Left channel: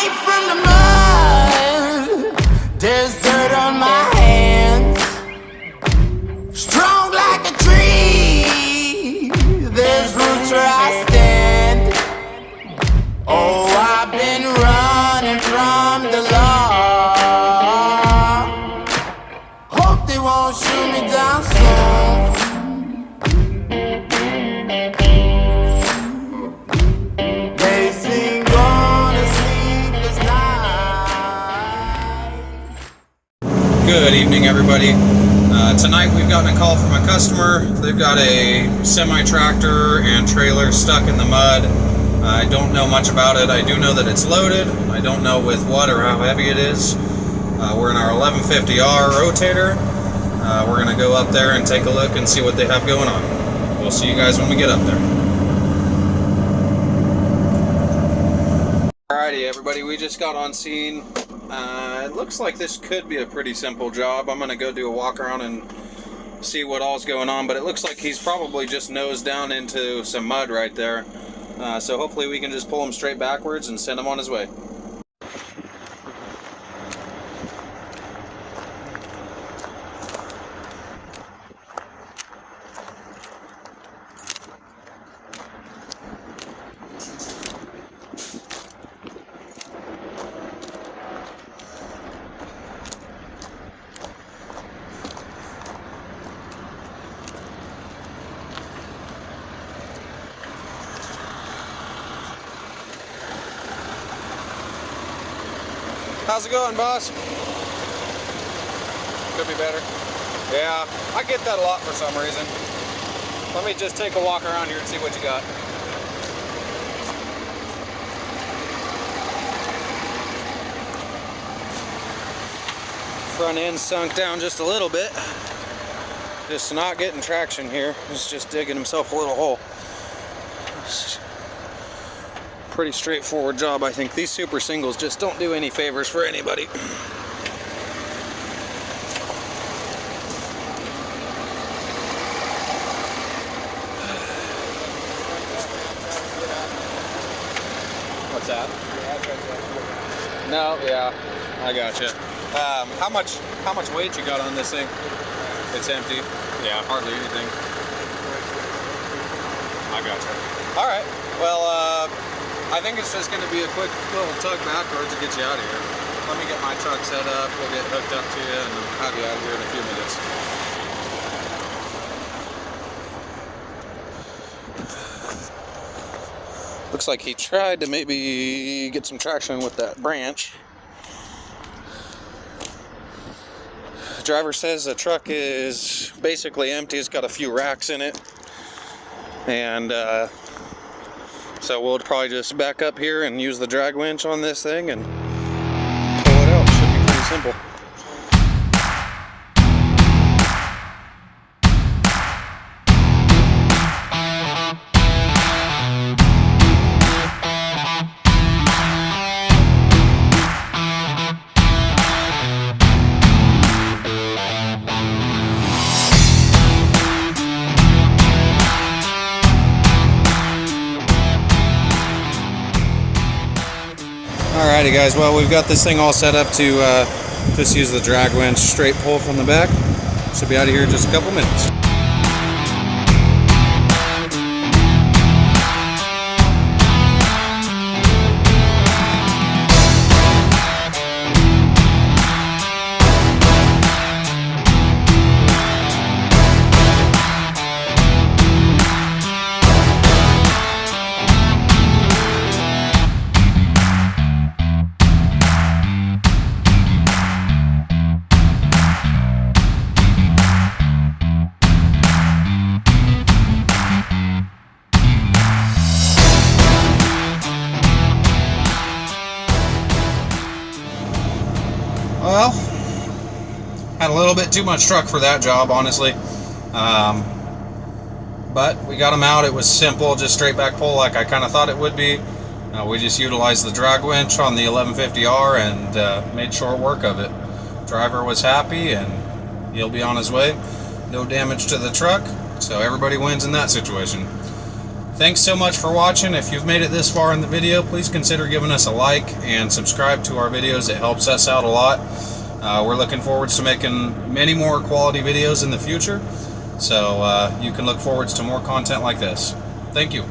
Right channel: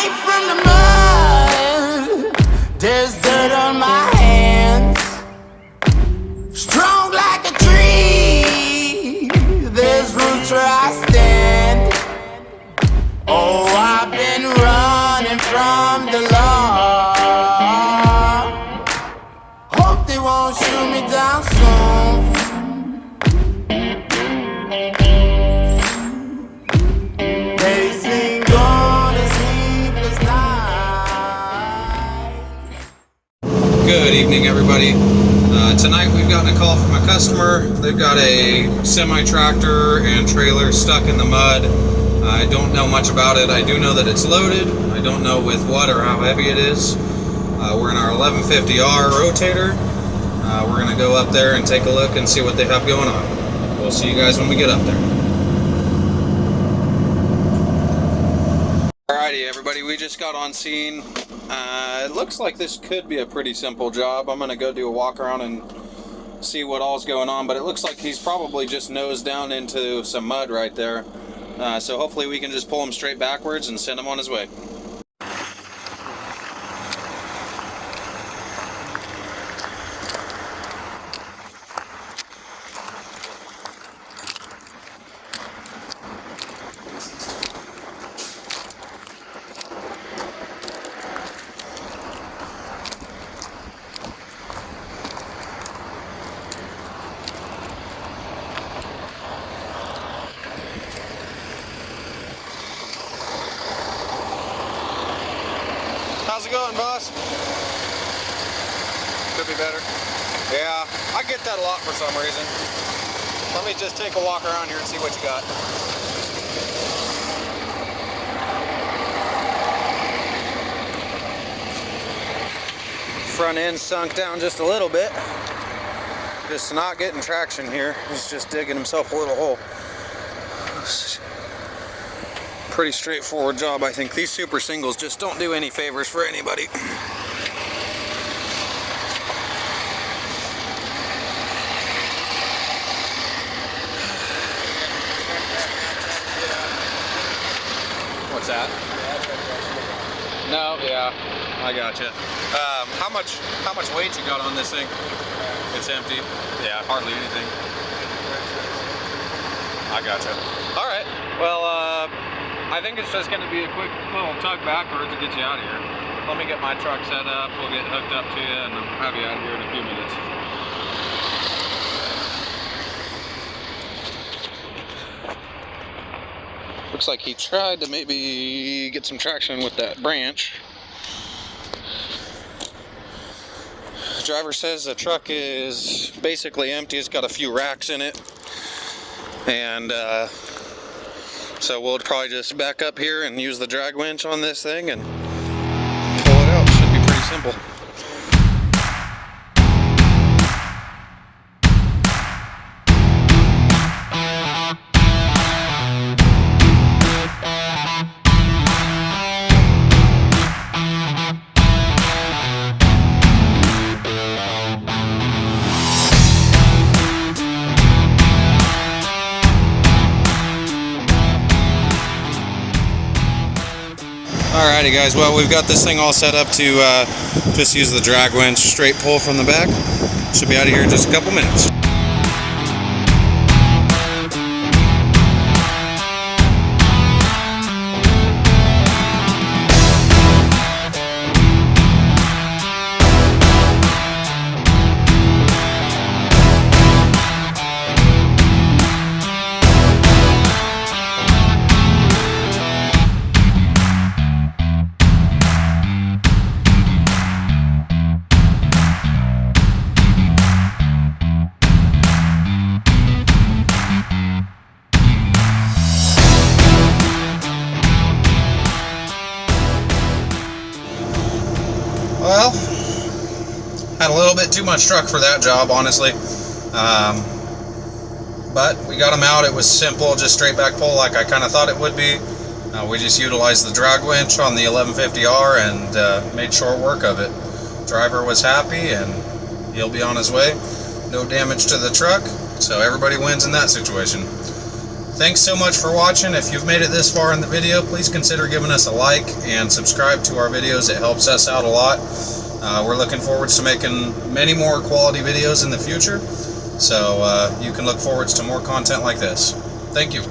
came from the mud. There's dirt on my hands. Strong like a tree. There's roots where I stand. Oh, I've been running from the law. Hope they won't shoot me down soon. They sing on a sleepless night. Good evening, everybody. Tonight we've gotten a call from a customer. They've got a semi-tractor and trailer stuck in the mud. I don't know much about it. I do know that it's loaded. I don't know with what or how heavy it is. We're in our 1150R rotator. We're going to go up there and take a look and see what they have going on. We'll see you guys when we get up there. Alrighty, everybody, we just got on scene. It looks like this could be a pretty simple job. I'm going to go do a walk around and see what all's going on, but it looks like he's probably just nosed down into some mud right there. So hopefully we can just pull him straight backwards and send him on his way. How's it going, boss? Could be better. Yeah, I get that a lot for some reason. Let me just take a walk around here and see what you got. Front end sunk down just a little bit. Just not getting traction here. He's just digging himself a little hole. Pretty straightforward job, I think. These super singles just don't do any favors for anybody. What's that? No, yeah, I gotcha. How much weight you got on this thing? It's empty. Yeah, hardly anything. I gotcha. All right. Well, I think it's just going to be a quick little tug backwards to get you out of here. Let me get my truck set up, we'll get hooked up to you, and I'll have you out of here in a few minutes. Looks like he tried to maybe get some traction with that branch. The driver says the truck is basically empty. It's got a few racks in it. And so we'll probably just back up here and use the drag winch on this thing and pull it out. Should be pretty simple. Alrighty guys, well we've got this thing all set up to just use the drag winch, straight pull from the back. Should be out of here in just a couple minutes. Well, had a little bit too much truck for that job, honestly. But we got them out. It was simple, just straight back pull like I kind of thought it would be. We just utilized the drag winch on the 1150R and made short work of it. Driver was happy and he'll be on his way. No damage to the truck, so everybody wins in that situation. Thanks so much for watching. If you've made it this far in the video, please consider giving us a like and subscribe to our videos. It helps us out a lot. We're looking forward to making many more quality videos in the future, so you can look forward to more content like this. Thank you.